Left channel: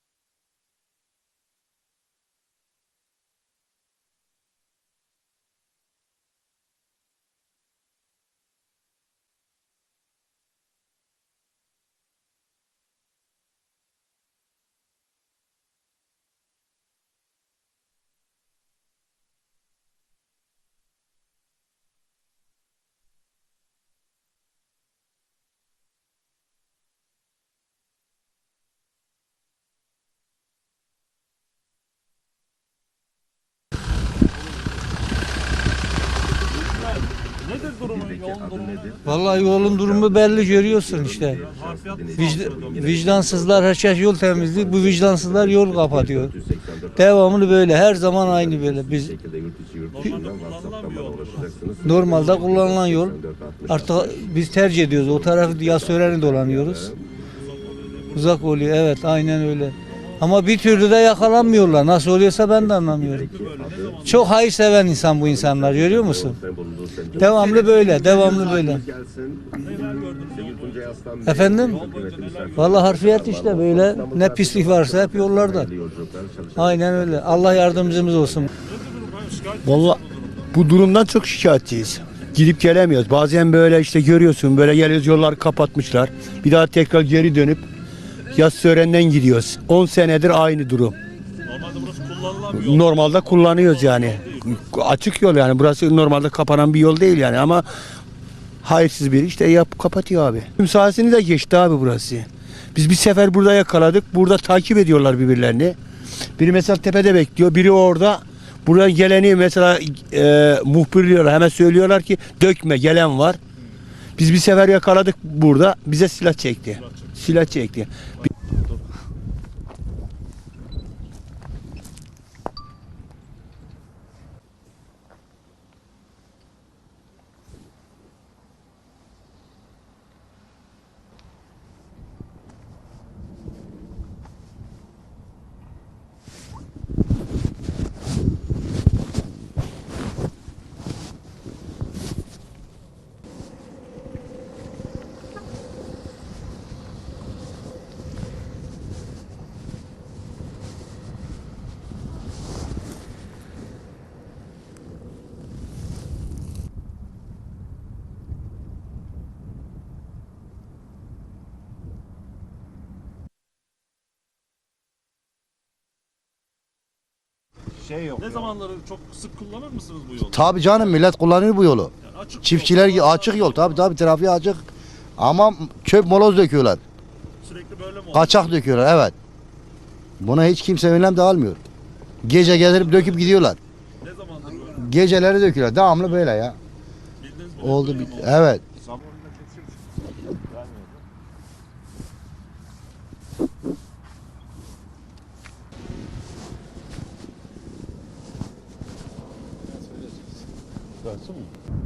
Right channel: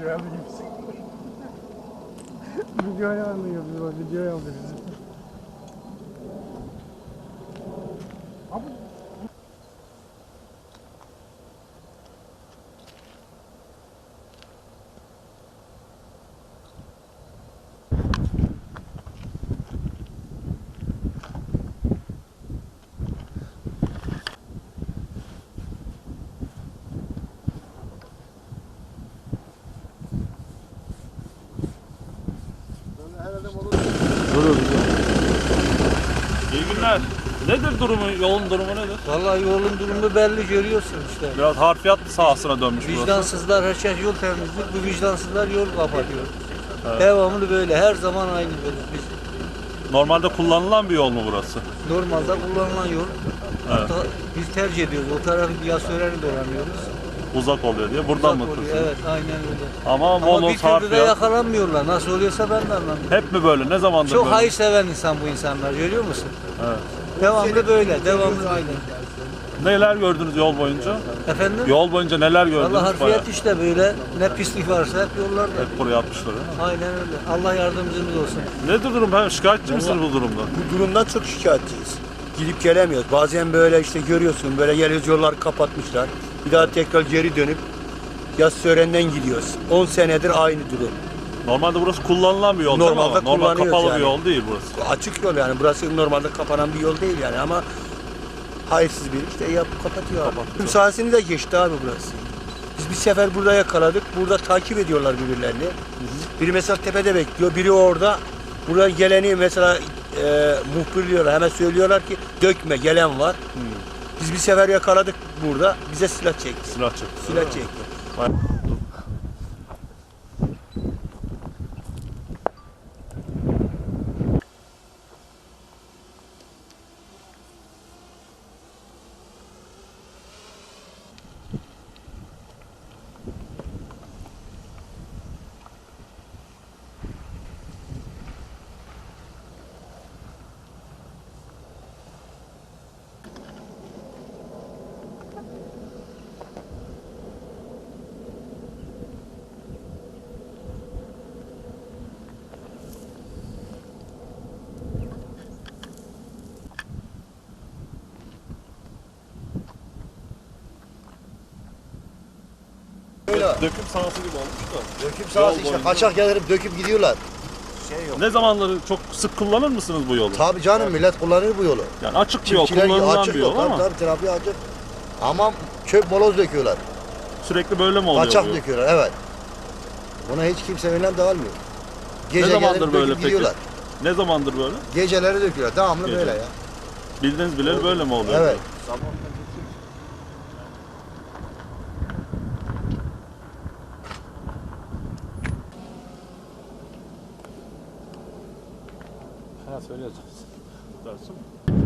Video yapayım. video yapmıyor. Video yapıyoruz. Yolun durumu nedir? Vallahi yolun durumu belli görüyorsun işte. Biraz harfiyat sahasına dönmüş. Vicdansızlar herkes yol temizliyor. Bu vicdansızlar yol kapatıyor. Devamlı böyle. Her zaman aynı böyle. Biz Normalde kullanılan bir yol mu burası? normalde kullanılan yol. Artık biz tercih ediyoruz. O tarafı Yasören'i dolanıyoruz. Uzak oluyor diye. Buradan Uzak mı? oluyor. Evet aynen öyle. Ama, Ama bir türlü de yakalanmıyorlar. Nasıl oluyorsa ben de anlamıyorum. Hep mi böyle? Ne zamandır Çok böyle? hayır seven insan bu insanlar görüyor musun? Devamlı böyle, devamlı böyle. Neler gördünüz yol boyunca? Efendim? Yol boyunca neler gördünüz? Vallahi harfiyat Bayağı işte böyle. Ne pislik varsa hep yollarda. Buraya atmışlar. Aynen öyle. Allah yardımcımız olsun. Nedir durum? Ben şikayetçi Vallahi- misiniz bu durumda? Bu durumdan çok şikayetçiyiz. Gidip gelemiyoruz. Bazen böyle işte görüyorsun böyle geliyoruz yolları kapatmışlar. Bir daha tekrar geri dönüp yaz Sören'den gidiyoruz. 10 senedir aynı durum. Normalde burası kullanılan bir yol Normalde ama? Normal kullanıyoruz kapalı yani. bir yol değil burası. Açık yol yani. Burası normalde kapanan bir yol değil yani ama hayırsız biri işte yapıp kapatıyor abi. Tüm sahasını da geçti abi burası. Biz bir sefer burada yakaladık. Burada takip ediyorlar birbirlerini. Biri mesela tepede bekliyor. Biri orada. Buraya geleni mesela e, muhbirliyorlar. Hemen söylüyorlar ki dökme gelen var. Biz bir sefer yakaladık burada. Bize silah çekti. Silah çekti. Silah çekti. Döküm sahası gibi olmuş da. Döküm sahası işte boyunca. kaçak gelip döküp gidiyorlar. Ne zamanları çok sık kullanır mısınız bu yolu? Tabii canım millet kullanır bu yolu. Yani açık bir yol. Çiftçiler kullanılan açık bir yol tabii ama tabii trafiği açık. Ama çöp moloz döküyorlar. Sürekli böyle mi oluyor? Kaçak bu yol? döküyorlar evet. Buna hiç kimse önlem de almıyor. Gece zamandır gelip böyle döküp peki? gidiyorlar. Ne zamandır böyle? Geceleri döküyorlar. Devamlı Gece. böyle ya. Bildiğiniz bile Oldu. böyle mi oluyor? Evet. Dersin mi?